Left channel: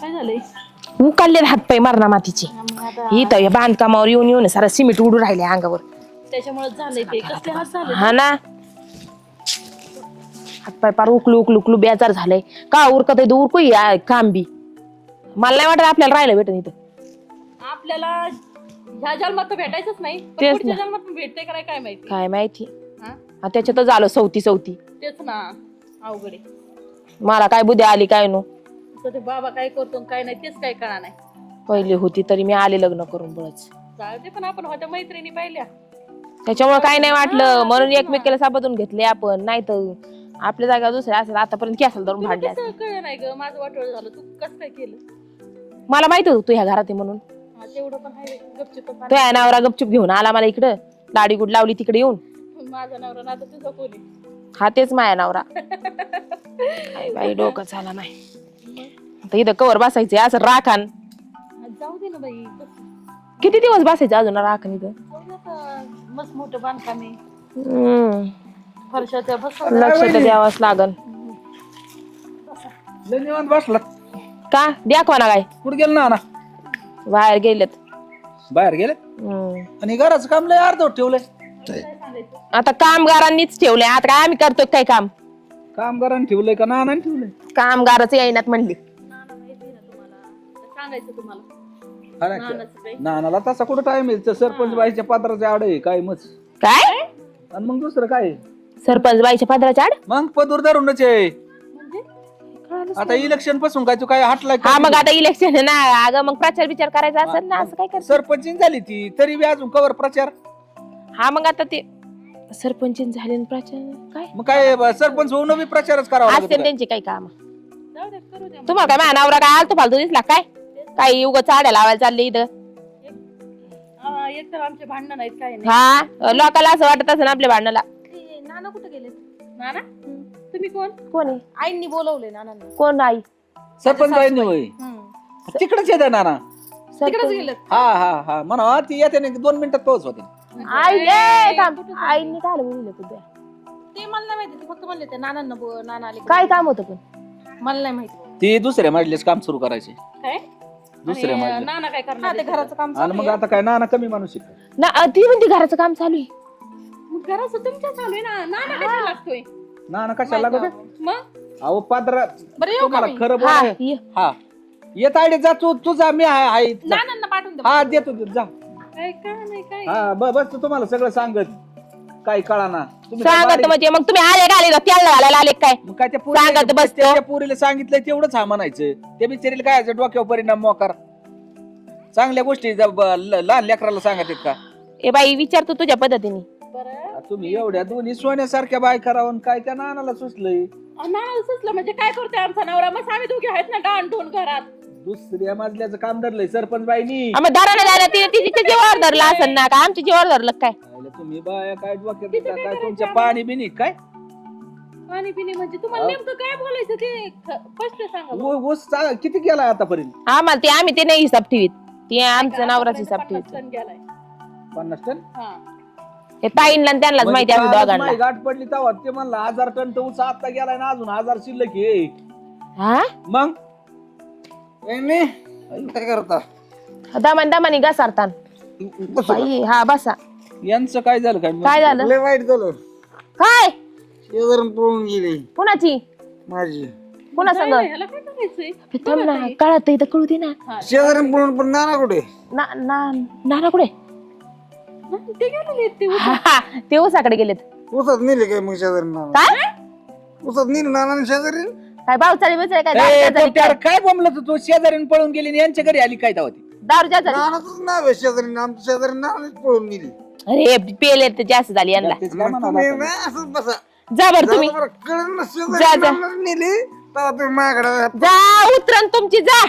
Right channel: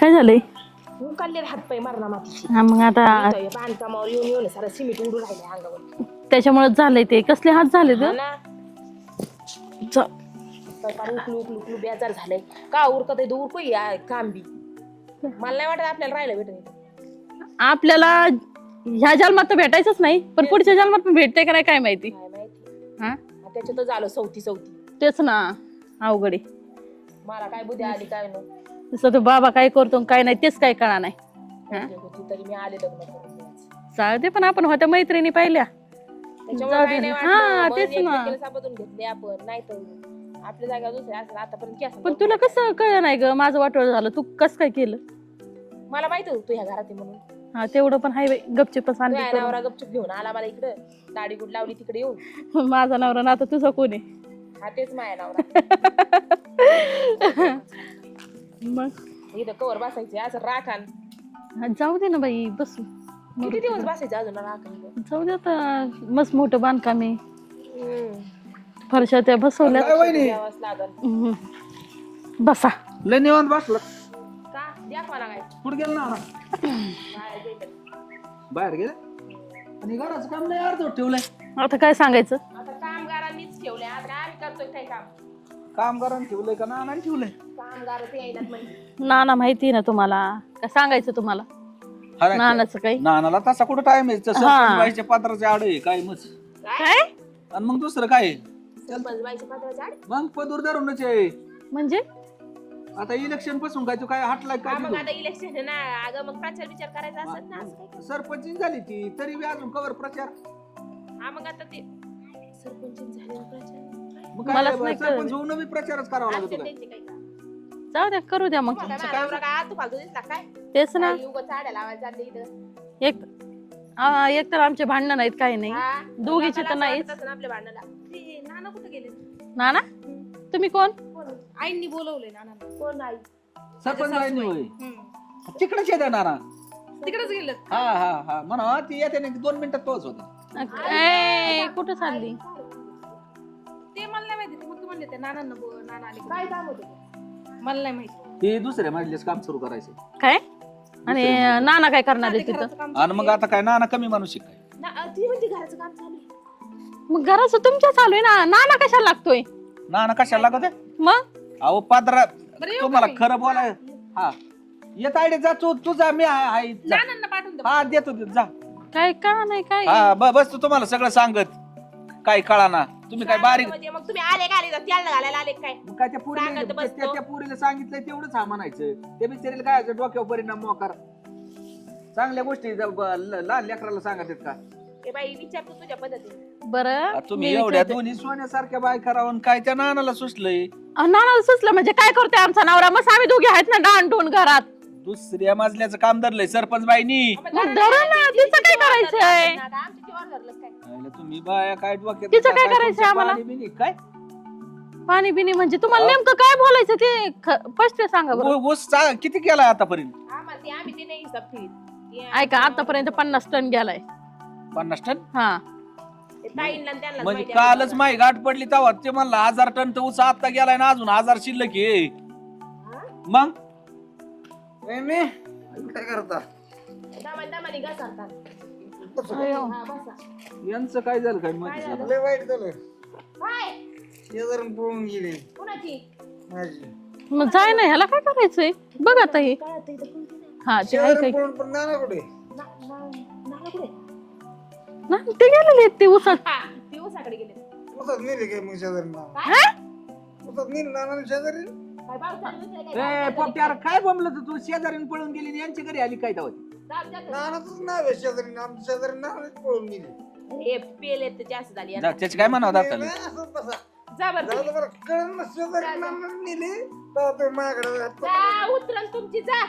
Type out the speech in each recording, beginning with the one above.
काय झालंय? उकालले हातपाय मारणा मातीचे. मग आता इथं या बांधकामावर येऊन येऊन सारा सिमेंट उडून राहिले अंगावर. त्याच्यामुळे झालंय ते. कसले हात झाले? हा ना, हातपाय पार उकलू उकलू उकलू बेजार झालंय. का उरकत आहे उरकू काम बी. मला नाही वाटत आपल्याला राहिलं भेटत इथं. आपल्याला ह्या जन्मात तर भेटायचंच नाही, पण तेच पुढच्या ना. जन्मात पण भेटते का नाही काय माहिती. काय माहिती. हा? त्याच्यात झालं सवती. तेच ना, अवघड आहे. मला काय बुद्धी आली काय नो. तसं तो बाबा काय करतो काय नाही तेच काय कळा नाही. पहिली होती तरी मी आले लग्न करून बळच. चालते, पण आपण होत्या मैत्रिणी पाहिल्या त्याच्यामुळे काय नाही वाटलं, हा, म्हणून तेच ना. एकमेकीला साबदून घेतले आपण. नाही तर आपल्या जागा दुसऱ्या असेल आतापर्यंत केसल पण तुला कसं कळलं नाही ग? माझं वाटोळ झालं, तू कसं काय केलं? मला माहिती होतं तू ह्या घरात आहे म्हणून. हा, तेवढं पण हाय गपचिप. तो या नवरा गपचूप घेऊन आला मला इकडं, लाडी गुड लावली तिकडे येऊन. माझा नवरा ना, आता तुझा कोण आहे? हा तेच माया नवरा. डोकं झाला नाही. मग आता इथं कवर बसायचे असं राखान. जाऊ दे ना बाई, बसू. किती दिवस बसायचे अजून राखण इथं? जाऊ दे आता, मस्त मोठं बांधकाम आहे. हम्म. फरशा त्या बसवल्या. लक्ष तर द्यावंच लागल. बसा. लय निवांत बसला. का दाखवा ना काय कुठे गेलं ना? बाहेर गेलेत. बाहेर गेले. आणि घराचं काम लय अर्धवट ठेवलंय. आता काय सांगायचं? आता कामगारांनीच ठेवलंय. आता काय आम्ही करतो काय काम? कामगारांनी ठेवलंय का नानाने ठेवलंय? कामगारच येईनात म्हणली. नाना माहिती ना तुम्हाला, काय सांगायचं तुम्हाला? हा ना. नानाचं काही नानाला तसा कुठं टाइम आहे? सरपंच बाईच्या पात्राच्या आड आहे काय मग. काय आणि मग दुसरं काय आहे? सरपंच बाईच्या पदराच्या आड? मग पदूर धरूनच आहे. म्हणजे आता इलेक्शन पासून काय तू काय हटलाय का? हा मग आता इलेक्शन ना, अगं मग प्रचार विचार करायचा असेल ना, असं काय करतो? सरपंच झाली ती तरी बी अजून कवर प्रचार. हा मग आता ते सरपंच झाले न प्रचार काय मग काय सरपंच होऊन बी प्रचारच करावा असते लागतो. त्यांचे काही काम. जाऊ द्या, करू द्या. मग तुम्हाला काय माझा नवरा काय आलतो फालतू दिसला काय? तेच ना. काही उगा चाड्या लावायला चालले इथं. एक तर आमचे भांडण नाहीत, काही नाही. हा लोकांना असं वाटत असं आपल्या भांडणाला. नाना कुठे गेले? नाना तुम्ही कोण? कोण आहे? आईंनी बोलवले नाना. कोण आई? सरपंच बाईंनी होय तिकडेच येते नाना. तिकडेच गेले. हा हा हा म्हणा ती येते ना 2 मिनिटात पोहोच होते. आई कुठं आईने काय बोलवलं तुझ्या? ते मला नाही माहिती, फक्त म्हणले ते नानांना नाना आले. काय काम होतं पण? मला नाही माहिती ती दुसऱ्या मजलीच काम सुरू करायचे. काय. आणि दुसऱ्या मजलीत. नाना काय करणार आहे तिथं? आणि मग आता काय नाना कमी माणूस आहे काय? ना ती म्हणते घराचं काम चालू आहे. मग घराचं तुमच्या चालू आहे ना, नाना कशाला लागतोय? नाना कशाला लागत आहे? मग अहो पात्रा बरं येऊ तुम्हाला का मी? खरं बोलाय. ये. हा येत आयडे जा तुझा मी आहे जा. नानांना पाठवून दे. हा देतो जा. काय कळा नाही काय. हा बस तू तुम्हाला सगळं सांगत काय कळाना. तुम्ही काय सांगत बारीक- म्हणजे मग तुम्ही आले घाले का तेल घालायला आले काय? मग काय त्या सांगत बसतो. त्या पोरीला सांगितलंय तेवढंच हा म्हणायचं. त्या बिचारीला काय असं डोक्यावर परिणाम मोकार. चांगल्या गोष्टी लहान लेकराला सांगत आहेत का? ए बाई विचारतो तुझ्या पद्धतीने. बरं तुम्ही एवढ्या दोन्ही सोन्यासारख्या बाय करावं काय त्या नानाला सुचलंय. नानाला सुचलं म्हणजे काय करतोय आमचा नवरा? मग आम्ही दोघे आहेत ना डाण टोन घरात. दुसऱ्या मजल्याचं काम धरलंय सरपंच बाईनी. मग धरायला झालं ते तिच्या जीवावर धरलं असेल ना का आमच्या जीवावर धरलं काय? तुम्ही बाया काय डोक्यात तिचं काय काय करायचं तुमचं आम्हाला? पाणी बिनी काय पाणी बिनी म्हणजे तुम्हाला नेमकं काय बोलायचं ते स्पष्ट सांगा बरं. ऊस किती केलाय आतापर्यंत? आम्ही ते नाही हिसाब ठेवीत. ते ऐका, आमच्या नवऱ्याचा आतापर्यंत हिसाब 50 टन गेलाय. 50 टन. हा ठेवीत. ते ताईंना आणि त्यांनाच म्हणजे माहिती आहे कालच दोघांना. माही गाठ पडली तेव्हा ते म्हणला 1000 टन तर ऊस आता गेलाय ना अजून 1000 शिल्लक आहे. हा मग काय करता? दमानी घसारतान. बाई, हा बसा. यांचं काय झालं काय काय झालं? लय वाईट झालं. काय शेजारून पळून गेली कुणाची? माझी. मग जायला ह्याला काय करायचंय? बघ आता हे. कळत इथं कळू दे ना. हा, ते शेजारून आहे. पळून पण नाना कुठे? नाना कुठे? ना, ते गेलेले आहेत ते उसात. ते ऊसाकडे गेलेत. उसात नेले काय मग शेजारी नाना? काय उसात नेली नाना शेजारी? काय भावचाली बिचारी काय ए, दारू तो झाली त्यावर काय? काय बोंबलं तू शेजारीन पळून गेली आणि यांच्या घरी आली काय तेव्हा ती? दारू जास्त झाली. नानाच नाव आहे शेजारी. आमच्या शेजारी नानाच पळून गेली. अरे पेले ते जास्त झाली यांना. त्याची काय म्हणावं तुम्ही आता? नाही असं बसा. जा बरं तुम्ही कळलं ना जा, शेजारी जा. नानाच नेली तेव्हा तुम्ही माझ्याकडे जा उतरन तुमची जा.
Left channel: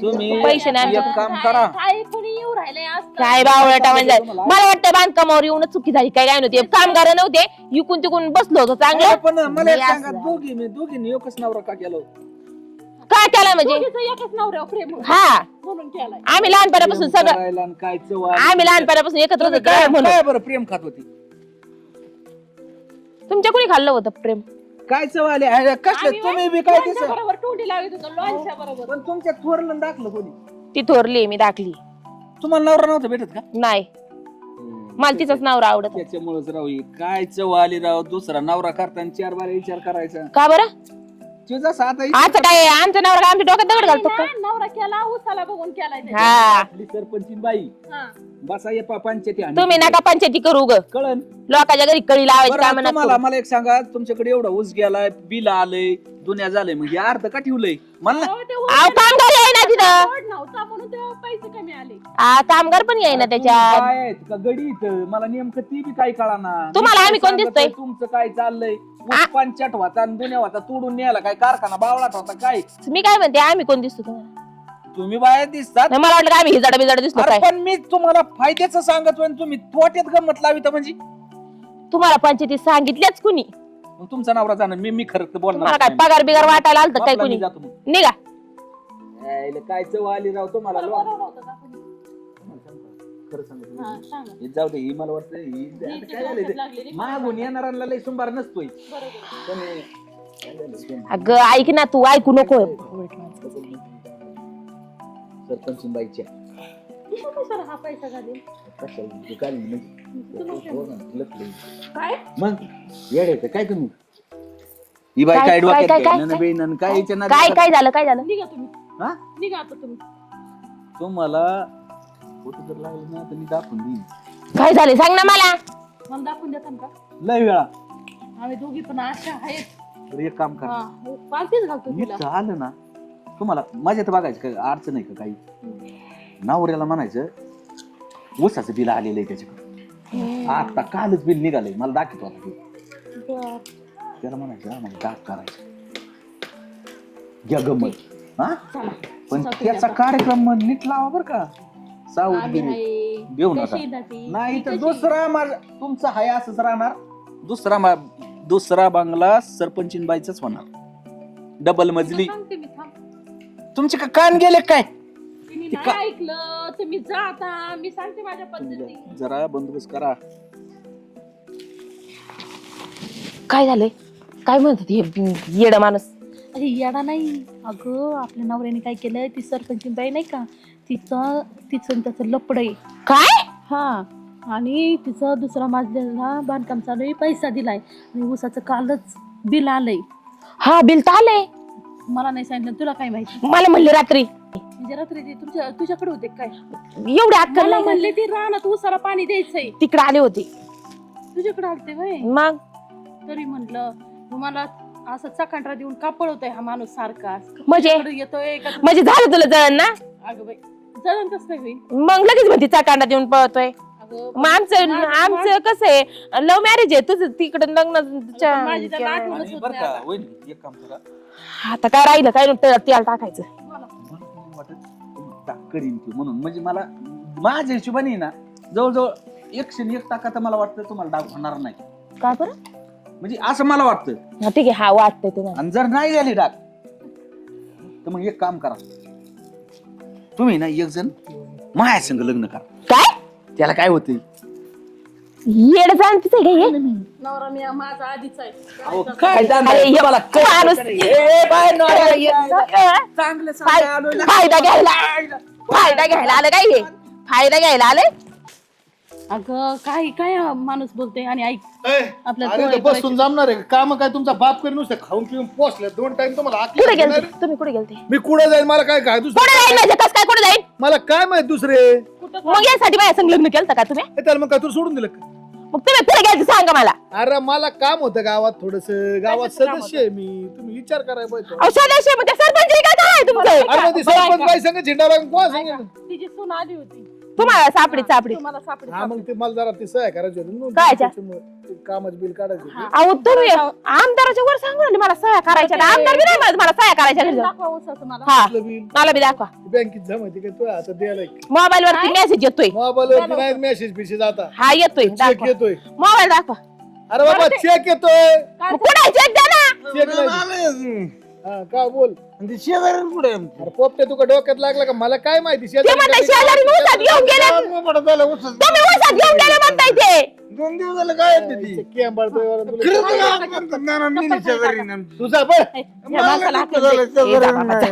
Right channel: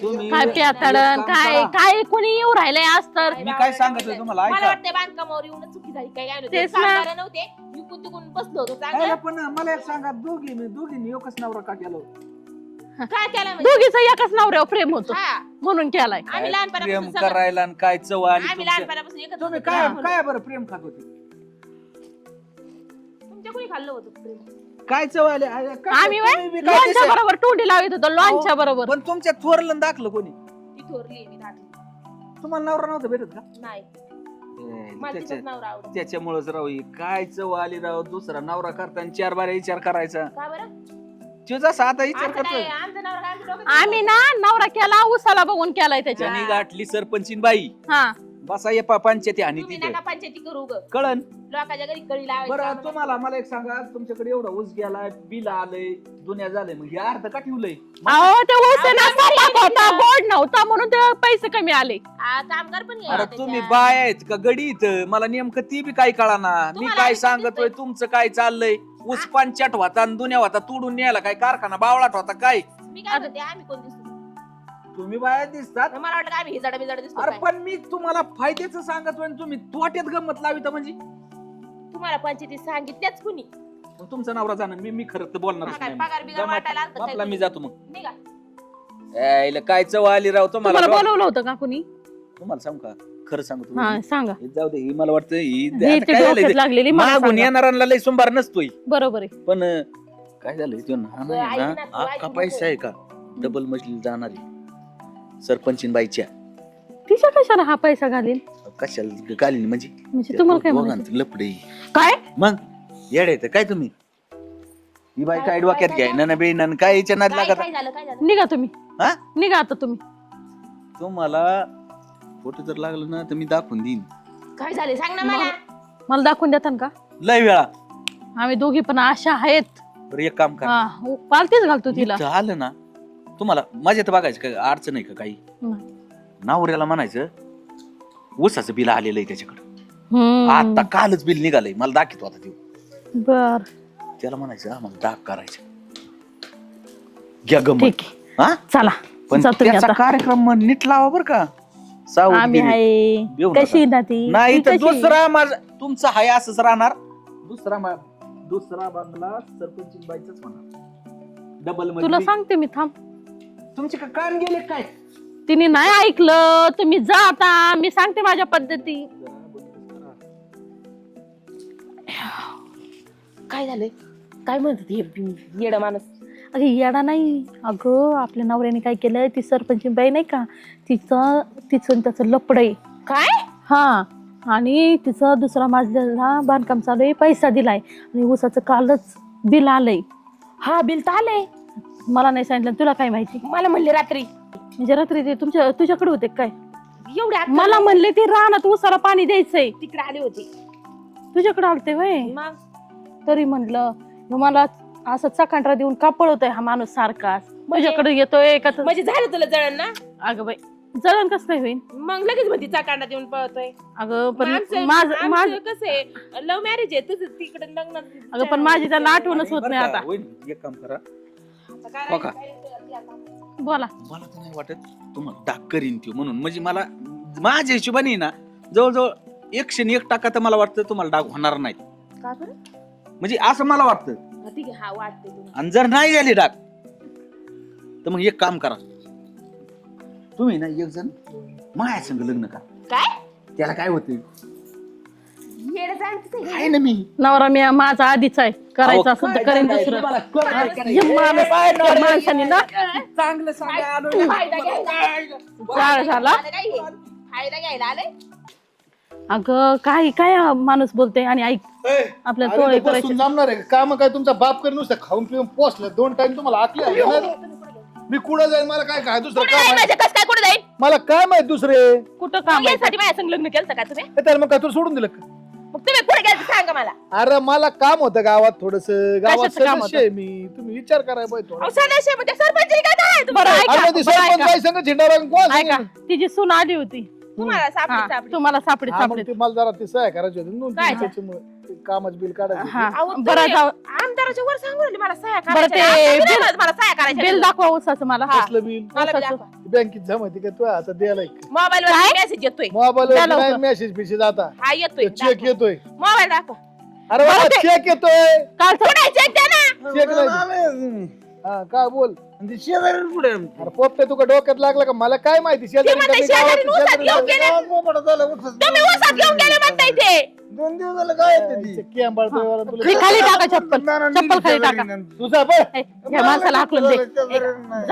तुम्ही काय पैसे याचं नाही करणार? काम काय करा. काय कुणी येऊ राहिलंय असतं? काय बावळटा सांगितलं म्हणजे तुम्हाला? मला वाटतं बांधकामावर येऊनच चुकी झाली काय नव्हते तेच ना. कामगार नव्हते इकून तिकून बसलो होतो अरे चांगलं. पण मला एक हे सांगा असं. दोघींनी एकच नवरा का केलं? काय केलं म्हणजे? दोघीचं एकाच नवऱ्यावर प्रेम होत हा म्हणून केलाय. आम्ही लहानपणापासून प्रेम सगळं करायला आणि काय चव आली आम्ही तुमच्या? लहानपणापासून एकत्र तुम्ही होतो काय म्हणून. काय बरं प्रेम खात होती? तुमच्या कोणी खाल्लं होतं प्रेम? काय चव आली आहे? कशात आम्ही तुम्ही बी काय लोणच्या दिसे? बरोबर टोंडी लावित होतो लोणच्या बरोबर. पण तुमच्या थोरलं आणि दाखलं कोणी? ती थोरली मी दाखली तुम्हाला नवरा नव्हता भेटत का? नाही मला तिचाच नवरा आवडत. त्याच्यामुळेच राव ही काय चव आली राव. दुसरा नवरा करताना 4 बार विचार करायचा. का बरं तो जसा आता विचार आता काय करतोय. आमचा नवरा काय आमच्या डोक्यात दगड आम्ही घालतो ना नवरा केला उसाला बघून केलाय त्याच्या. हा. त्यांनी गाठली सरपंचीन बाई. हा बसा ये पंचायती आणि तुम्ही नका पंचायती करू ग कळण. लोकांच्या घरी कळी लावायची बरं, काम तुम्हाला मला एक सांगा, तुमच्याकडे एवढा ऊस गेलाय, बिल आलंय, दुनिया झालंय, मग हे अर्ध का ठेवलंय? अहो, ते उसाला बोर्ड नव्हता म्हणून ते पैसे कमी आले. कामगार पण यायला अरे तुम्ही त्याच्या बाय आहेत का गडी इथं? मला नेमकं ती बी काही कळाना. मी तुम्हाला काय आम्ही कोण सांगतोय, दिसतोय? तुमचं काय चाललंय? ऊस पंचाट होता आणि दुनिया होता, तोडून न्यायला काय कारखाना बावळाट होता काय? मी काय म्हणते आम्ही कोण दिसतो तुम्हाला? तुम्ही बाया दिसतात. नाही, मला वाटलं का आम्ही हिजाडा बिजाडा दिसलो अरे काय पण मी तुम्हाला फायद्याचं सांगतोय आणि तुम्ही तोट्यात गंमत लावित म्हणजे तुम्हाला पंचायती सांगितल्याच कुणी मग तुमचा नवरा जाणार. मी खरं तर मला बोलणार काय नाही. पगार बिगार वाटायला आलत काय आपला मी कुणी जातो मग. निघा यायला काय चव आली राव तुम्हाला तुम्हाला. बोलवलं होतं का कुणी? तुम्हाला सांगू का खरं सांगतो. हा सांगा. हे जाऊ दे, ही मला वाटतं ही ही आता ती काय झालंय डोक्यात ते? लागलेली मला मागून सांगा. येणाऱ्यांना लय सुंभार नसतोय. बरोबर आहे. पण काय झालं अगं, ऐक ना तू, ऐकू नको. डबल मजली जाणारी सरपंचीन बाईच्या तिच्या कशाला हा पैसा घालील? कशाला गालीन म्हणजे म्हणजे तुम्हाला काय म्हणायचं? लपडे काय मग येडे तर काय तुम्ही ही बाई काय- काय डोक्यात काय- घ्याय काय- ना बेन काय हिच्या नादी काय लागत? काय झालं काय झालं निघा तुम्ही. हा? निघा आता तुम्ही. तुम्हाला फोटो जर लागलं ना तर मी दाखवून देईन. काय झाले सांग ना मला मला दाखवून देता का? लय वेळा. आम्ही दोघी पण अशा आहेत. बरं एक काम करा, हा पालतीच घालतो तिला. नीट आलं ना तुम्हाला माझ्या तर बघायचं काय अडचण आहे का काही? नवऱ्याला म्हणायचं ऊसाचं बिल आलेलं आहे त्याच्याकडे, आता कालच बिल निघालंय, मला दाखवतो आता ते. बर त्याला म्हणायचं आम्हाला दाग करायचं, घ्या गमत. ठीक आहे. हा चला पण जातो मी त्याचा आता. कार्यक्रम नीट लावा बर का. आम्ही सावधगिरी. आहे देऊ नका. कशी ना ती नाही ती तर कशी? दुसरा माझा तुमचं हाय असंच राहणार. दुसरा बंगला सरपंचीन बाईचाच होणार, डबल तुला मजली. सांगते मी थांब. तुमचे का कान गेले काय? तिने नाही ऐकलं. तुम्ही जा आता. मी सांगते माझ्या पद्धती. जरा बंदोबस्त करा. काय झालंय काय म्हणतात हे येडा माणूस अरे येडा नाही अगं, आपल्या नवऱ्याने काय केलं, ती सरपंच बाई नाही का, तिचं आणि त्याचं लपड आहे. काय हा आणि तिचं दुसरा मजल्याला बांधकाम चालू आहे, पैसा दिलाय आणि ऊसाचं कालच बिल आलंय. हा बिल तर आलंय मला नाही सांगितलं. तुला काय माहिती? मला म्हणले रात्री म्हणजे रात्री ते तुझ्याकडे होते काय? एवढे मला म्हणले ते रानात ऊसाला पाणी द्यायचंय, तिकडे आले होते. तुझ्याकडे आलते वय. मग तरी म्हणलं मग मला असं चकांड्रा देऊन का पळवतोय हा माणूस सारखा? म्हणजे? माझ्याकडे येतोय का? म्हणजे झालं तुला जळण ना? अगं बाई जळण कसं काय होईल? मग लगेच म्हणते चाकांडा देऊन पळतोय. अगं मग आमचं कसं आहे लव्ह मॅरेज आहे तुझं तिकडे लग्न. पण माझी त्याला आठवणच होत नाही आता. होईल, एक काम करा. आता काय राहिलं काय नव्हतं तेल टाकायचं. बोला. मला तर नाही वाटत तुम्हाला डाग करीन ती म्हणून. म्हणजे मला माझ्या हिशोबाने ना जवळजवळ 101% तर मला वाटतं तुम्हाला डाग होणार नाही. का बरं? म्हणजे असं मला वाटतं. हा ठीक आहे हा वाटतंय तुला. आणि जर नाही झाली डाग तर मग एक काम करा, तुम्ही ना एक जण माझ्या संग लग्न करा. काय त्याला काय होतं? येड जाणतीच आहे आहे काय? ना मी. नवरा मी माझा आधीच आहे करायचा अहो, असेल काय तर नाही, करा. नाही, तुम्हाला काय माणूस- करायचं? हे काय नॉर्मल यांनी ना, फायदा घ्यायला आलं काय हे? फायदा घ्यायला आले. अगं काय काय हा माणूस बोलते आणि ऐक आपल्या बसून जमणार आहे काम काय? तुमचा बाप करी नुसतं खाऊन पिऊन पोचला 2 टाइम तुम्हाला कुठे आतलं गेलते तुम्ही? कुठे गेलते? मी कुठं जाईल मला काय काय दुसरं कुठे काय जाईल माहित? म्हणजे कसं काय कुठे जाईल? मला काय माहित दुसरे कुठं मग काम? यासाठी माझ्या संग लग्न केलं का तुम्ही? त्याला मग काय तुला सोडून दिलं का? मग तुम्ही पुढे गेलते सांगा मला. अरे मला काम होतं गावात थोडस गावात कशाचं काम सदस्य आहे मी. तुम्ही विचार करायला पाहिजे अहो सदस्य म्हणजे सरपंच आहे का काय तुम्हाला? अरे ते सरपंच बाई संग झेंडा लागून कोण ऐका तिची सून आली होती. तुम्हाला सापडी सापडी. तुम्हाला सापडी हा, मग सापडी. ते मला जरा ते सहाय्य करायची होती काय? कामच बिल काढायचं हा. अहो बरं, तुम्ही जाऊ- आमदाराच्या वर सांगू ना मला सह्या करायच्या. ते आमदार बी नाही म्हणत मला सह्या करायच्या. बिल दाखवा ऊसाचं मला. हा आपलं बिल मला बी दाखवा. बँकेत जमा होती का तू आता द्यायला मोबाईल वर मेसेज येतोय. मोबाईल द्या लवकर. मेसेज बिसेज आता हा येतोय चेक दाखवा. येतोय. मोबाईल दाखवा. अरे बाबा चेक येतोय. कुठे चेक द्या ना. चेक नाही. हा काय बोल. आणि ते शेजारी पुढे अरे पोपटे तुका डोक्यात लागला का मला काय माहिती ते म्हणतात शेजारी ऊसात घेऊन गेले तुम्ही ऊसात घेऊन गेले म्हणताय ते 2 दिवस झालं काय येते ती खाली टाका चप्पल. नाना चप्पल नेली खाली शेजारी टाका. ना. तुझा बघ या माणसाला हाकलून दे. जा बाबा, जा.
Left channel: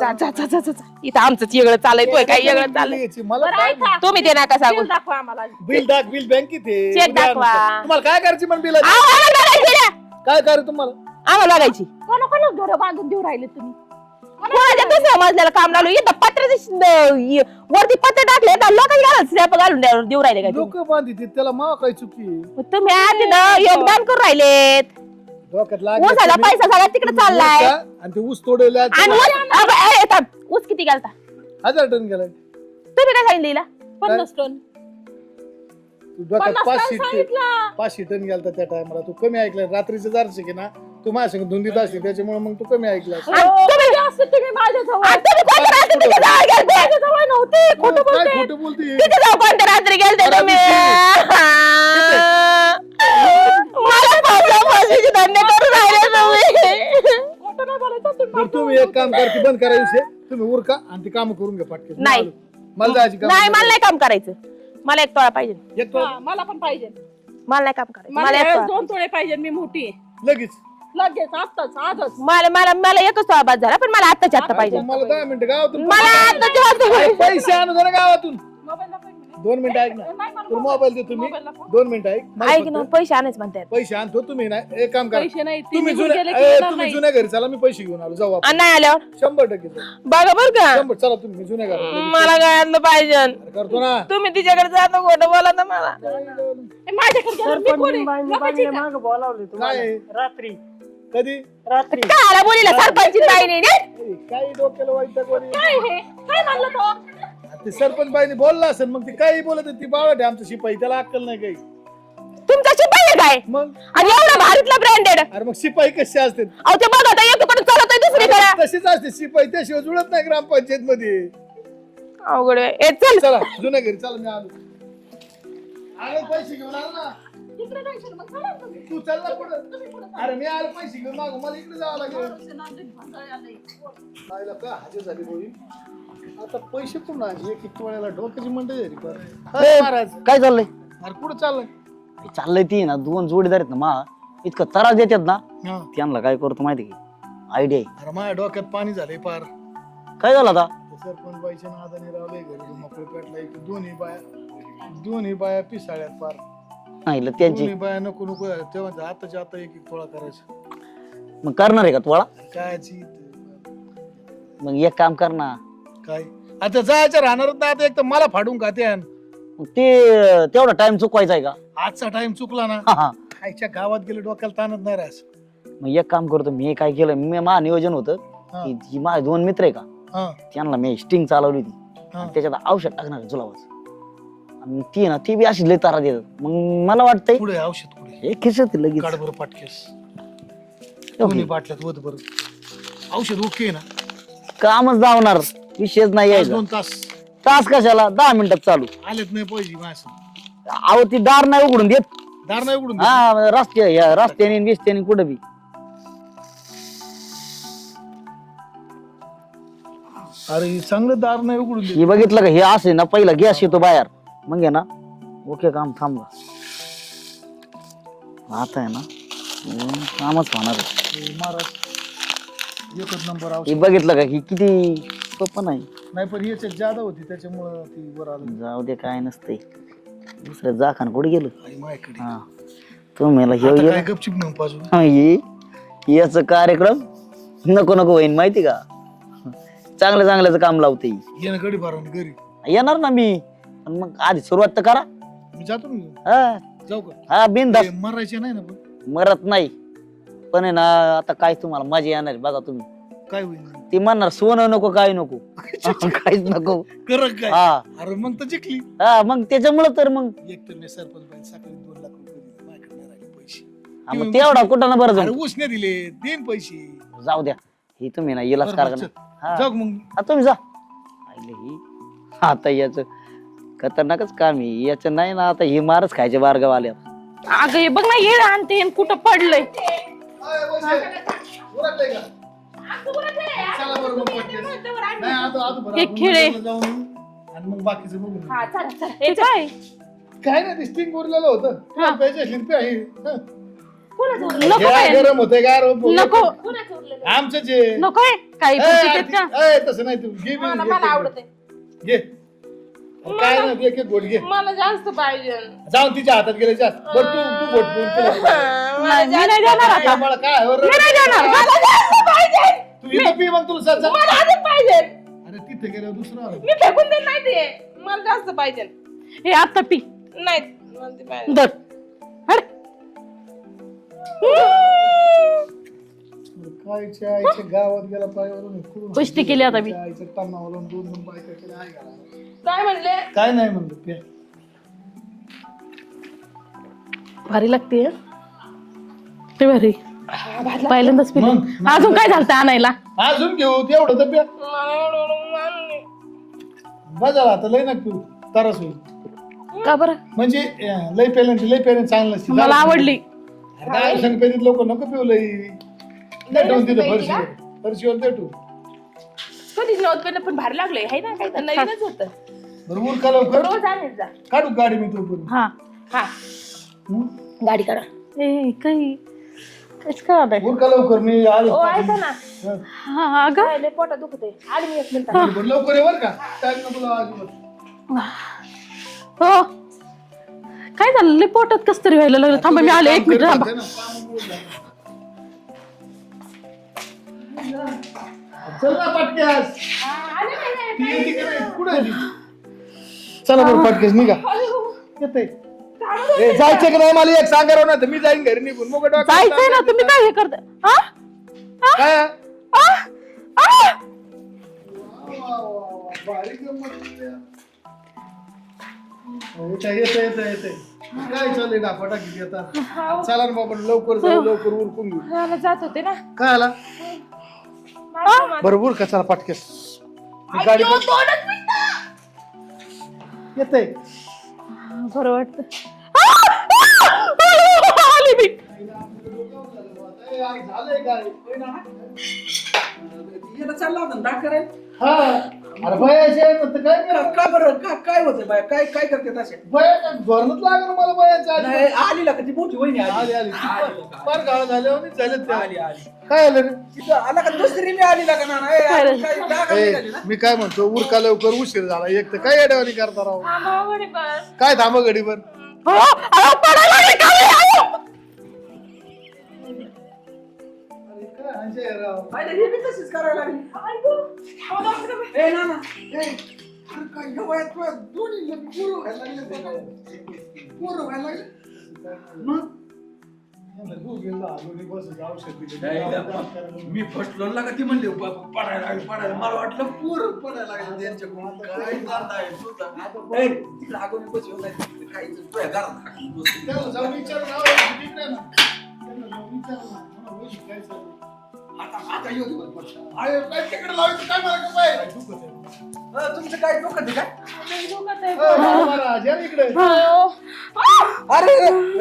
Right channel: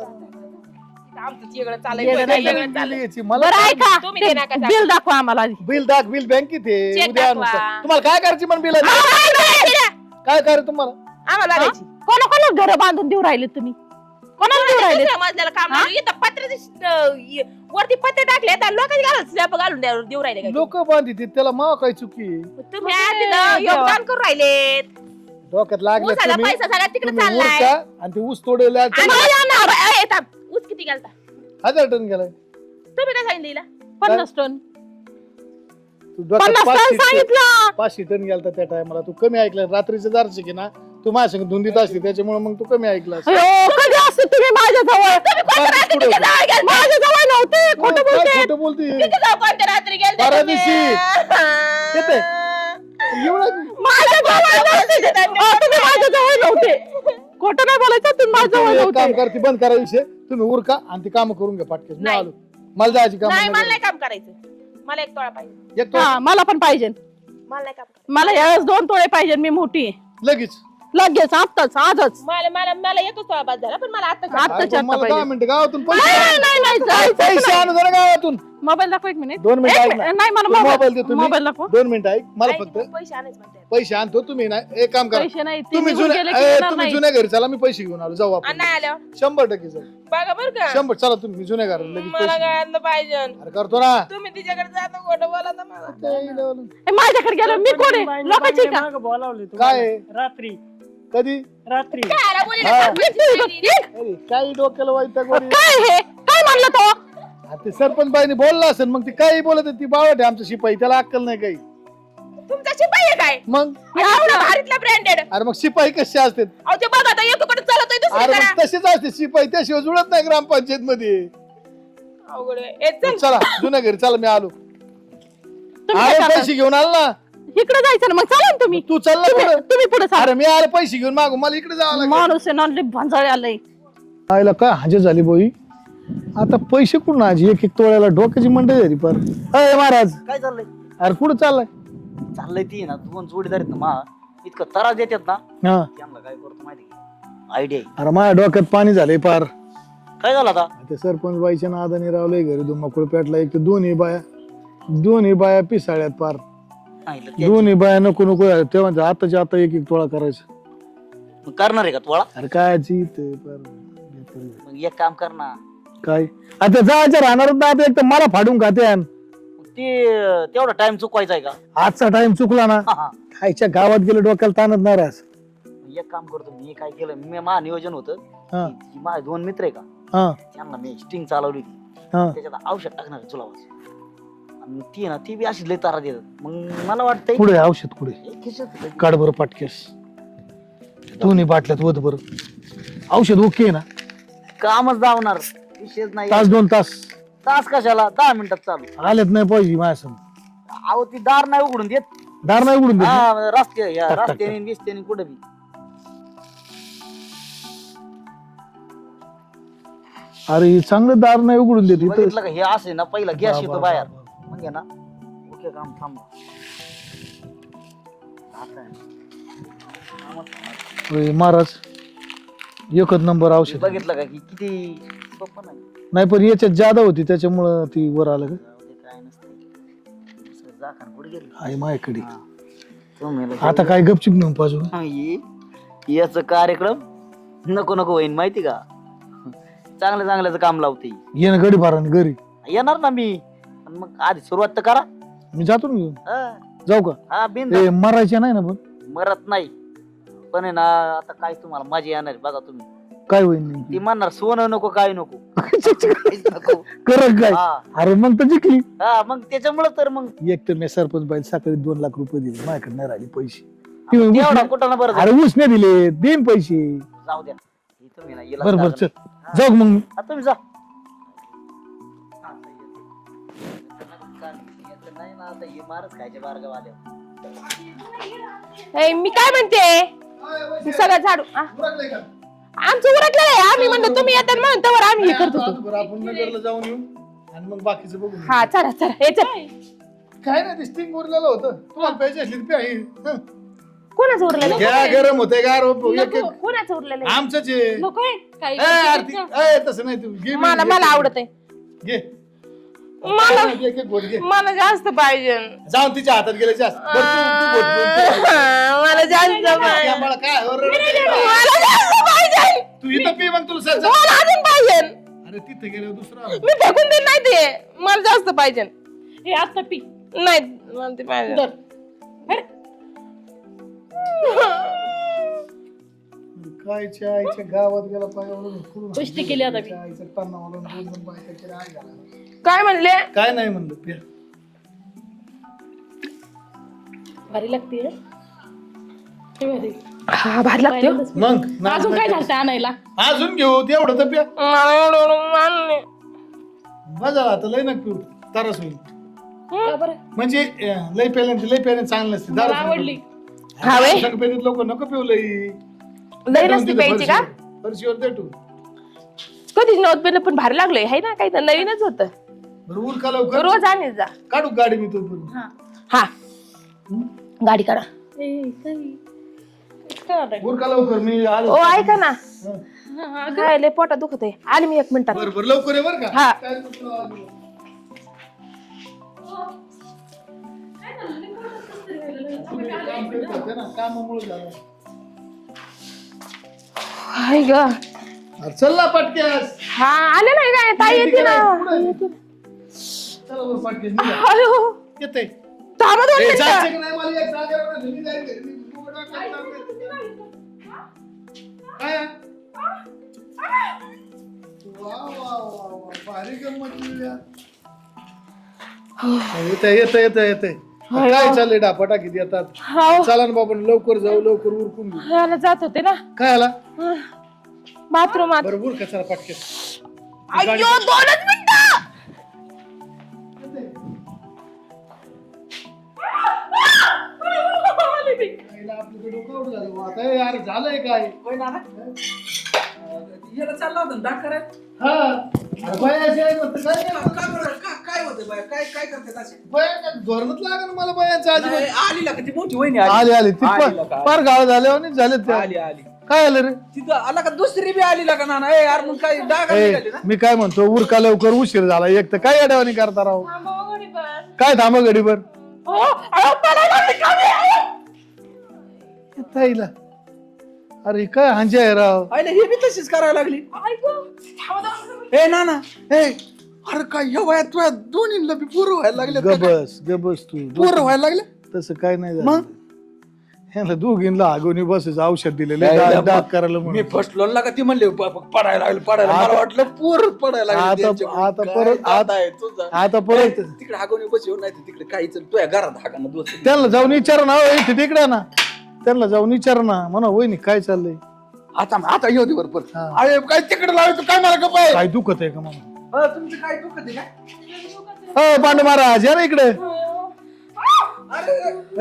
जा, जा, जा, जा, जा. इथं आमचं वेगळं चाललंय काय वेगळं चाललंय मला बरं ऐका तुम्ही दे नका सांगू. बिल दाखवा आम्हाला आधी. बिल बँकेत आहे. चेक उद्या दाखवा. आणतो. तुम्हाला काय करायची म्हण बिल आम्हाला बघायची ना. काय करायचं तुम्हाला आम्हाला बघायची कोणा घर बांधून देऊ राहिले तुम्ही कोणाला दुसऱ्या मजल्याला काम लावलं इथं वरती पत्रे टाकले तर लोकांना स्लॅब घालून देऊ राहिले काय लोक बांधित त्याला मा काय चुकी आहे? तुम्ही आधी ना योगदान करून राहिलेत डोक्यात ऊसाचा लागले पैसा सगळा तिकडे चाललाय आणि ते ऊस तोडेला आणि थांब, ऊस किती घालता 1000 टन गेला तुम्ही काय सांगितलं हिला? 50 टन. डोक्यात 50 टन सांगितलं 500 टन गेला त्या टायमाला तू कमी ऐकला रात्रीचे दारचे की ना तू माझ्या संग धुंदीत असते त्याच्यामुळे मग तू कमी ऐकला तुम्ही जास्त तुम्ही माझ्याजवळ तुम्ही कोणत्या रात्री तिथे जाऊन गेले? माझ्याजवळ नव्हते कुठं बोलते खोटं बोलते तिथे जाऊ कोणत्या रात्री गेलते तुम्ही मला फाशीचे दंड करून तुम्ही. खोटं नाही बोलायचं तुम्ही माझं तुम्ही एक नव्हते. काम करा ती बंद करा विषय तुम्ही उरका आणि ती काम करून घ्या फाटके नाही. मला जायची काम नाही मला नाही काम करायचं मला एक तोळा पाहिजे एक काम. हा मला पण पाहिजे मला नाही काम करायचं मला मला एक यावेळेस तोळा. 2 तोळे पाहिजे मी मोठी आहे. लगेच लगेच आत्ताच आजच मला मला मला एकच तोळा बाद झाला पण मला आत्ताच्या आत्ता पाहिजे आता मला पाहिजे. 10 मिनिटं गावातून मला आत्ताच्या आत्ता पाहिजे. पैसे आणू जरा गावातून मोबाईल दाखव 1 मिनिट 2 मिनिटं ऐक ना. नाही मला मोबाईल दे तुम्ही. मोबाईल दाखव. 2 मिनिटं ऐक मला ऐक ना फक्त पैसे आणायच म्हणतात पैसे आणतो तुम्ही ना एक काम करा पैसे नाही ते तुम्ही निघून गेले की जुन्या येणार तुम्ही नाही. जुन्या घरी चला मी पैसे घेऊन आलो जाऊ आपण आणि नाही आल्यावर 100% चला. बघा बर का 100 चला तुम्ही जुन्या घरी मला काय आणलं पाहिजे अरे करतो ना तुम्ही तिच्याकडे जाता खोटं बोला ना मला ए, माझ्याकडे गेलं मी कोण आहे? लोकांची का काय आहे? कधी काय आला बोलीला सरपंच बाईने निघ. अरे, काही डोक्याला वैताग वगैरे. काय हे काय म्हणलं तो अरे, ते सरपंच बाईने बोलला असेल मग ती काही बोलत होती, ती बावट आहे आमचं शिपाई त्याला अक्कल नाही काही तुमचा शिपाई आहे काय मग आणि एवढं भारीतला ब्रँडेड अरे मग शिपाई कसे असते अहो ते बघा आता एकीकडे चालत आहे दुसरीकडे तसेच असते शिपाई त्याशिवाय जुळत नाही ग्रामपंचायत मध्ये अवघड आहे. ए, चल चला जुन्या घरी चला मी आलो तुम्ही अरे काय पैसे घेऊन आलो ना इकडे जायचं ना मग चला ना तुम्ही तू चालला कुठं? तुम्ही पुढे अरे मी आलो पैसे घेऊन मागू मला इकडे जावं लागेल माणूस आहे ना लई भांजाळे आलंय आईला काय हजर झाली बोई आता पैसे कुठून आजी एक तोळ्याला डोक्याची मंडई झाली पर महाराज काय चाललंय अरे कुठं चाललाय चाललंय ती ना 2 जोडीदार आहेत ना मा इतकं त्रास देतात ना हा त्यांना काय करतो माहिती की आयडिया अरे माझ्या डोक्यात पाणी झालंय पार काय झालं आता ते सरपंच बाईच्या नादाने रावलंय घरी धुमाकूळ पेटला एक तर दोन्ही बाया पिसाळ्यात पार नाही ला त्यांची- दोन्ही बाया नको नको झाल्या. तेव्हा म्हणते, आताच्या आता एक तोळा करायचं मग करणार आहे का तुला अरे काय मग एक काम कर ना काय आता जायचं राहणार आता एक तर मला फाडून खाते मग ते तेवढा टाइम चुकवायचा आहे का आजचा टाइम चुकला ना हा, हा. खायच्या गावात गेलं डोक्याला ताणत नाराज मग एक काम करतो मी काय केलं मी माझं नियोजन होतं हा. की जी माझे 2 मित्र आहे का हा त्यांना मी स्टिंग चालवली होती हा त्याच्यात औषध टाकणार जुलावाचं आणि ती ना ती बी अशी लय तारा देतात मग मला वाटतंय पुढे औषध पुढे हे खिशात आहे लगेच काढ बरं पाटकेस दोन्ही बाटल्यात वत बरं औषध ओके आहे ना कामच जावणार विषयच नाही तास 2 तास तास कशाला 10 मिनिटात चालू आलेत नाही पाहिजे माझ्या अहो ती दार नाही उघडून देत दार नाही उघडून देत. हा, रस्त्याने बिस्त्याने कुठं बी अरे चांगलं दार नाही उघडून हे देत बघितलं का हे असे ना पहिला गॅस येतो बाहेर मग आहे ना ओके काम थांबला आता आहे ना कामच होणार आहे. होय, महाराज एकच नंबर हे औषध बघितलं का ही किती सोपं नाही नाही पण याच्यात जादा होती त्याच्यामुळं ती वर आलं जाऊ दे काय नसते दुसऱ्या जाखान कुठे गेलो आई माझ्याकडे हा. तुम्ही आता काय गपचिप नेऊन पाहिजे याच कार्यक्रम नको नको होईन माहिती का चांगल्या चांगल्याच काम लावते ये ना गडी भाराने घरी येणार ना मी पण मग आधी सुरुवात तर करा मी जातो ना घेऊन. हा जाऊ का हा बिंद ते मरायचे नाही ना पण मरत नाही पण आहे ना आता काय तुम्हाला मजा येणार आहे बघा तुम्ही काय होईल ती म्हणणार सोनं नको काय नको काहीच नको करत काय हा अरे मग तर जिंकली हा मग त्याच्यामुळं तर मग एक तर मी सरपंच बाई सकाळी 2 लाख रुपये दिले माझ्याकडे नाही राहिले पैसे हा, मग तेवढा कुठं ना बरं अरे झालं. उसने दिले देईन पैसे जाऊ द्या ही तुम्ही ना येला बरं बरं चल जाऊ मग तुम्ही जा आईले ही. आता याच खतरनाकच काम आहे याचं नाही ना आता ही मारच खायचे बारगाव आल्या अगं हे बघ ना ये आणते ए, मी काय म्हणते सगळं झाडू उरकलंय का? आमचं उरकलं आहे. आम्ही म्हणतो तुम्ही येतात म्हणून तवर आम्ही हे नाही, करतो. आता हे खेळ आहे. जाऊन येऊ आणि मग बाकीचं बघू. हा चला चला हे काय काय नाही स्टिंग उरलेलं होतं पाहिजे शिल्पी आहे हं. कोणाचं उरलेलं या गरम होते गार नको कोणाचं उरलेलं आहे? आमचंच आहे. नकोय काही ए, गोष्टी आरती, आहेत का ए, तसं नाही तू घे मला घे, मला घे. आवडत आहे. घे काय नाही, एक एक गोट घे मला जास्त पाहिजे. जाऊन तिच्या हातात गेले जास्त बघ, मला जास्त तू आम्हाला काय हो रे? मला जास्त पाहिजे. तू इथं पी मग तुला सांग मला अजून पाहिजे. अरे तिथे गेलं दुसरं आलं. मी फेकून देत नाही ते. मला जास्त पाहिजे. हे आता पी नाही मला ते पाहिजे. दर हट. कायच्या आईच्या गावात गेला पायावरून कुस्ती केली आता मी. आईच्या तन्नावरून दोन बायका केल्या, आई घाला. काय म्हणले? काय नाही म्हणलं प्या. भारी लागते हं? ते भारी हा, भारी लागते. पहिल्यांदाच पिली. मग अजून काय झालं आणायला अजून घेऊ तेवढं तर प्या मला एवढं मानले. बजाला आता लय नका पिऊ तरच होईल का बरं म्हणजे लय पेल्यानं चांगलं असते मला आवडली संगपेतीत लोक नको पिऊ लय लई नसती प्यायची का? फरशीवर देटू कधीच नव्हतं पेलं पण भारी लागले है ना काही तर नवीनच होतं. बरोबर का लवकर रोज आणत जा. काढू गाडी मी तो करून हा हा गाडी काढा. ए काही काहीच का नाही उर का लवकर मी आलो ओ ऐका ना हं. हा अगं काय लय पोटात दुखत आहे. आले मी 1 मिनिटात. बरं, बरं, लवकर ये बरं हा. का टाइम नको लावा अजिबात. हो काय झालं लय पोटात कस तरी व्हायला लागलं थांबा मी आले 1 मिनिट थांबा करते ना, कामामुळे झालं. हाय ग. हा, चल ना पटक्यास हा आले नाही काय ताई येते ना. कुठं आहे ती? चला बरं पटक्यास निघा अयो, येते थांबा दोन ए, मिनिटं. जायचं की नाही मला एक सांगा राव, नाही तर मी जाईन घरी निघून मग डोक्यात जायचंय ना तुम्ही काय हे करता हा काय आ, आ. वा, वा, वा, वा, भारी गंमत केली यार. येते काय चाललंय डापाटा किती येतात हाव. चला ना बाबा लवकर जाऊ लवकर उरकून घेऊ मला जात होते ना काय आला बाथरूमात. बरोबर का चला पटके अय्यो, 2च मिनिटं. येते बरं वाटतं आली मी. झालंय काय चालला होता डाक करायला हा अरे बयाचे आहे म्हणतं, काय नाही. का बरं काय होतं बाय काय काय करते तसे बया काय धोरणच लागलं मला बयाचं आधी. आली का ती मोठी वहिनी आली आली ती आली का? फार गाळ झाल्यावर झालेत त्या आली आली काय आलं रे तिथं आला का दुसरी बी आली का ना काय डाग ए, निघाली ना मी काय म्हणतो उरका लवकर उशीर झाला एक तर काय अडावणी करता राव काय थांब गडीवर ताईला अरे काय हांजे आहे राव आले हे बी तशीच करायला लागली ए ना ना ए अरे काय ह्या वयात तुझ्या दोन्हीला बी पोरं व्हायला लागले गबस तू पोरं व्हायला लागले तसं काय नाही झालं मग ह्याला दोघींना आगोनी बसायचं औषध दिलेलं नाही, दात करायला मी म्हणून फसलो ना का ती म्हणले पडायला लागली पडायला मला वाटलं पोर पडायला लागली आता- त्यांच्यामुळे. आता काय परत- दादा आहे तुझा. आता परत- ए, तिकडे आगोनी बसव नाही तिकडे काहीच तुझ्या घरात हाकाला दोस्त त्यांना जाऊन विचार ना तिकडे ना त्यांना जाऊन विचार ना म्हणा होय काय चाललंय आता येऊ दे बरोबर हा. अरे काय तिकडे लावायचं काय मला गप आहे काय दुखत आहे का मला तुमचं काय डोकं आहे काय हो पांडू महाराज या ना इकडे अरे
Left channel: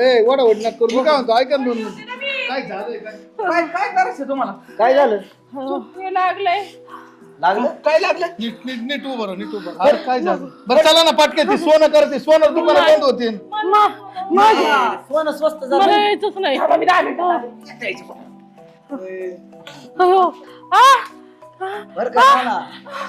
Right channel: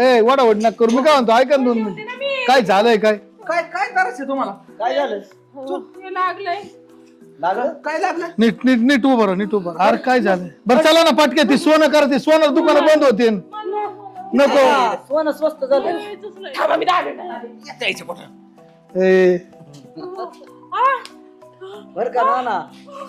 ए वडा वड नका करू मी काय म्हणतो ऐका ना 2 मिनिट काय झालंय काय काय काय करायचं तुम्हाला काय झालं लागलंय. लागलं काय लागलं नीट नीट नीट उभं राहा, नीट उभं राहा. अरे काय झालं बरं चला ना पाटके ते सोनं करते सोनं दुकान बंद होते सोनं स्वस्त झालं मला यायचंच नाही थांबा, मी 10 मिनिटं आले. द्यायचं कुठं ए बरं का ना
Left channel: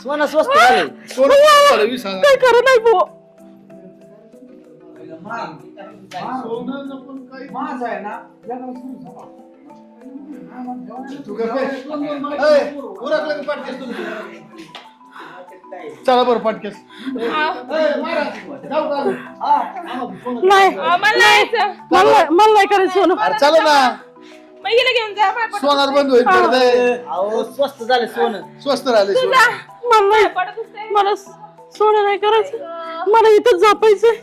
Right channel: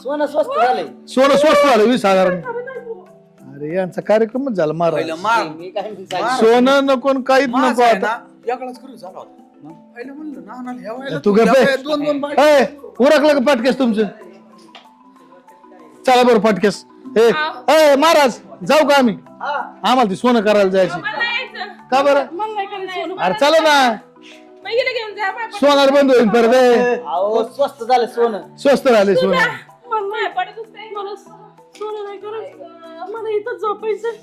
सोनं स्वस्त झालं सोनं स्वस्त झालं 20,000 खरं नाही भाऊ अरे यांचा कार्यक्रमच झाला महाराज पहिलं मार मी काय सांगितलं? सोनं नको न काहीच माझं नको आहे आता ना, याकडेच करून झाला होता. पहिलं म्हणलं, ना, ना, ह्या वेळेला तू ह्या गप्प आहे. वेळेला दोन बायका ए उरकलं का पाटकेस तुमचं चला बरं पाटकेस ए महाराज जाऊ का आम्ही आम्हाला ते सोनं करायला जायचं मला यायचं. मला नाही करायचं सोनं अरे चला ना मग हिला घेऊन जा. माझ्या सोनार बंद होईल तर दे. अहो स्वस्त झालं सोनं स्वस्त राहिले सोनं मला नाही पडत असते. मला सोनं नाही करायचं मला इथंच झोपायचंय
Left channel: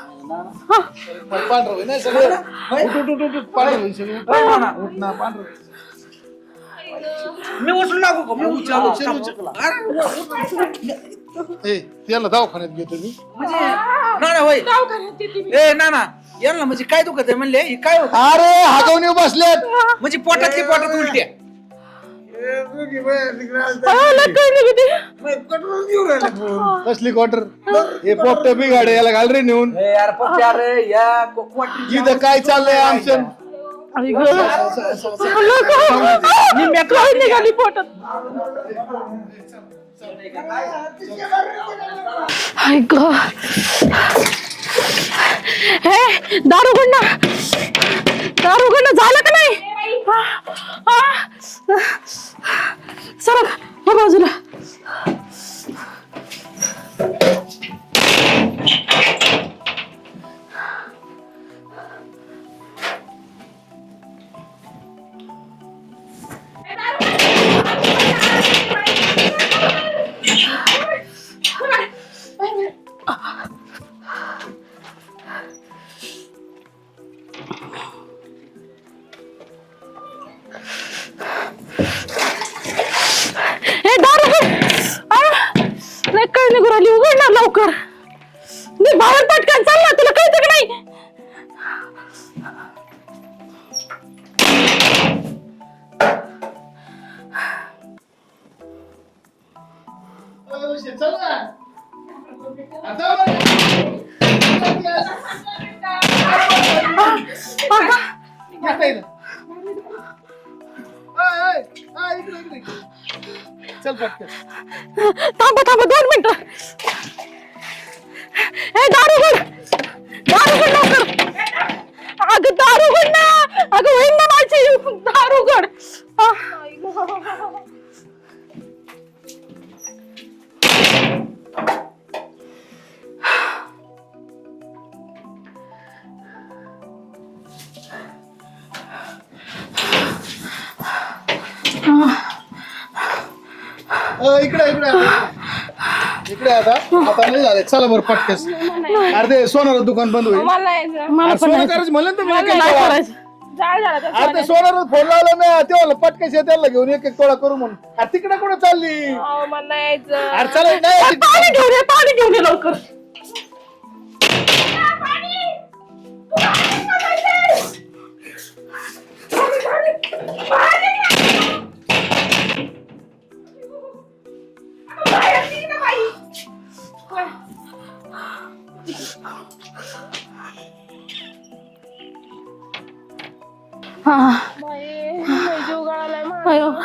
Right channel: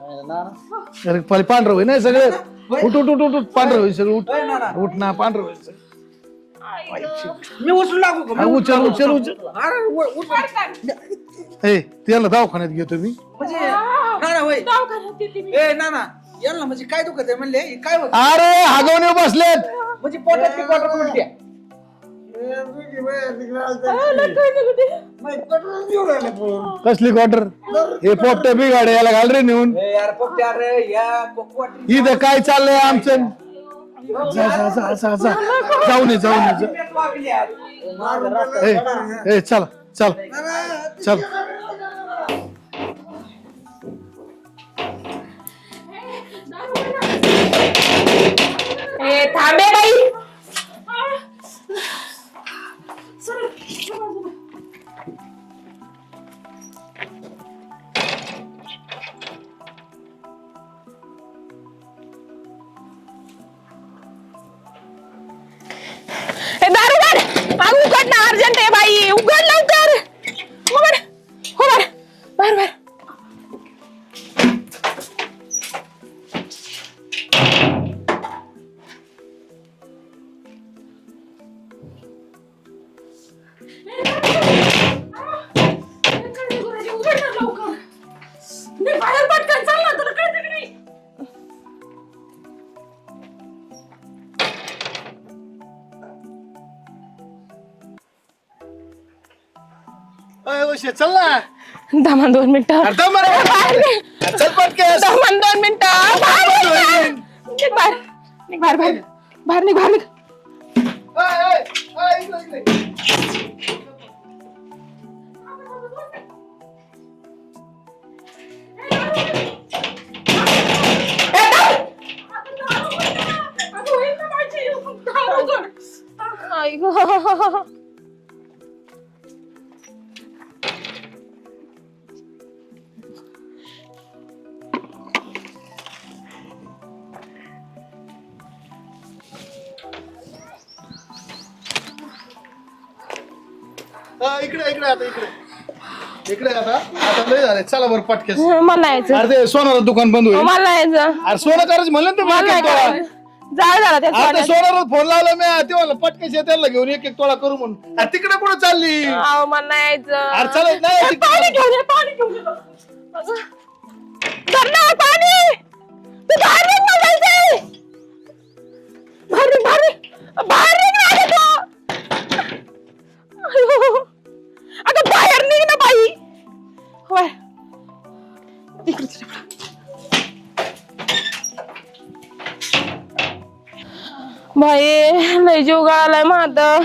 अरे पहिले पांढरं होईल नाही सगळं उठ उठ उठ उठ उठ पांढरं होईल सगळं उठ उठ ना पांढरं होईल सगळं. मी उचलू लागू का? हा, उचल उचल उचल अरे, ए त्याला दवाखान्यात घेतो मी म्हणजे ना ना होय दवाखान्यात देते मी. ए ना ना यांना म्हणजे काय दुखत आहे म्हणले हे काय होत अरे हागवणे बसलेत. म्हणजे पोटातली पोटात उलट्या कसली क्वार्टर हे पोपट्या बिघाडे याला घाल रे नेऊन. यार पप्पा, अरे या कोकवाटी इथं काय चाललंय आमचं. आई जाऊ दे, जाऊ दे. काय निघाली पोटात. ए चल चल चल. आई ग हे दारू गुंडा झालं का नाही सरक हो बाजूला. अर्जंट आहे बाई. उघड लवकर उघड उघड बाहेर बाहेर. हे दार काय निघून राहिली. उघड ना लवकर. मी बाहेर पटकन चाल ना. तुला कळतं का नाही. चल ना. दमान 2 मिनिटं. अरे दम मार. चल पटकन. दमान 2 मिनिटं. बाहेर निघ. चल पटकन. थांबा 2 मिनिटं. हे दारू उघड लवकर. अगं दारू उघड ना. अगं होईन ना माझी. दारू उघड. आई ग इकडे आता लय झाले. चला बरं पटकन. मला यायचं. अरे सोनाचं दुकान बंद होईल. मला यायचं. अरे सोनं करायचं म्हणलं ना तुम्ही एक एक तोळा. झालं त्या आता सोनाला फोन लावला मी तेव्हा पटकन त्याला घेऊन एक तोळा करू म्हणून. अरे तिकडे कुठं चालली. मला यायचं. अरे चला नाही पाणी घेऊन ये लवकर. चल ना, पाणी. तू बाहेर निघ मला जायचंय. बाहेर निघ. अगं बाहेर निघ ना बाई. होय. बाई लय जीव गळालाय माझा.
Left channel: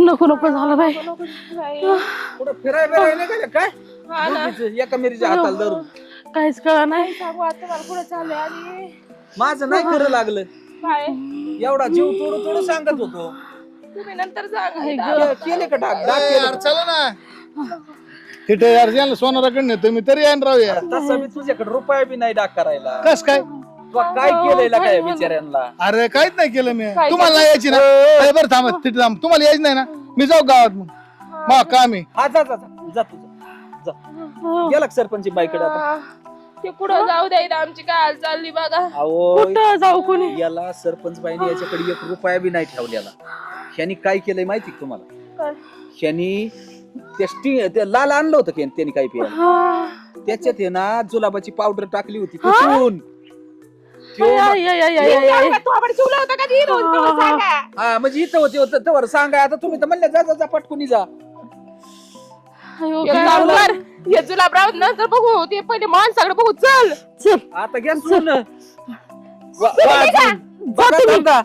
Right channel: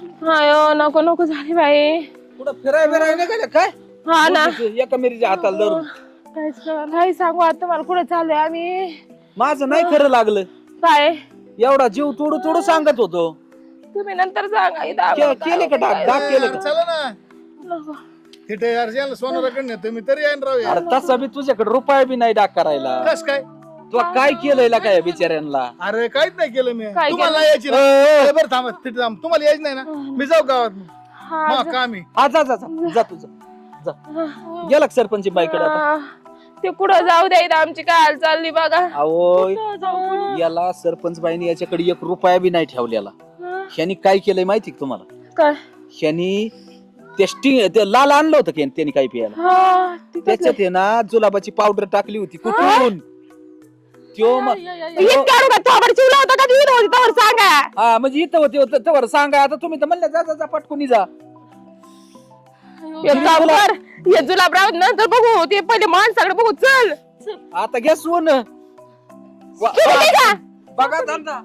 नको झाले बाई. कुठं फिरायला गेले काय हा ना. एका मिरीच्या हाताला धरून काहीच कळा नाही. सांगू आता तुम्हाला पुढे चाललंय. आणि माझं नाही खरं लागलं. काय एवढा जीव तोडू सांगत होतो. तुम्ही नंतर सांगा. केले का डाग केलं का? चला ना. तिथे यार याला सोनाराकडे नेतो मी तरी येईन राहू यार. तसा मी तुझ्याकडे रुपया बी नाही डाग करायला. कस काय. तुला काय केलंय काय बिचाऱ्यांना. अरे काहीच नाही केलं मी. तुम्हाला यायची ना. बरं थांबा तिथे थांब. तुम्हाला यायची नाही ना. मी जाऊ गावात मग काम आहे. हा जा तुझं जा. गेला का सरपंच बाईकडे आता. ते कुठं जाऊ द्या. आमची काय हाल चालली बघा. अहो कुठं जाऊ कोणी. याला सरपंच बाईने याच्याकडे 1 रुपया बी नाही ठेवलेला. ह्यानी काय केलंय माहिती का तुम्हाला. काय ह्यानी ते लाल आणलं होतं की त्यांनी काय पिया. त्याच्यात आहे ना जुलाबाची पावडर टाकली होती कुठून. हा म्हणजे इथं होते सांगा. आता तुम्ही तर म्हणलं जा पटकुनी जा. जुलाबराव नंतर बघू. ते पहिले माणसाकडे बघू. चल आता घ्या सोडून. बघा बघा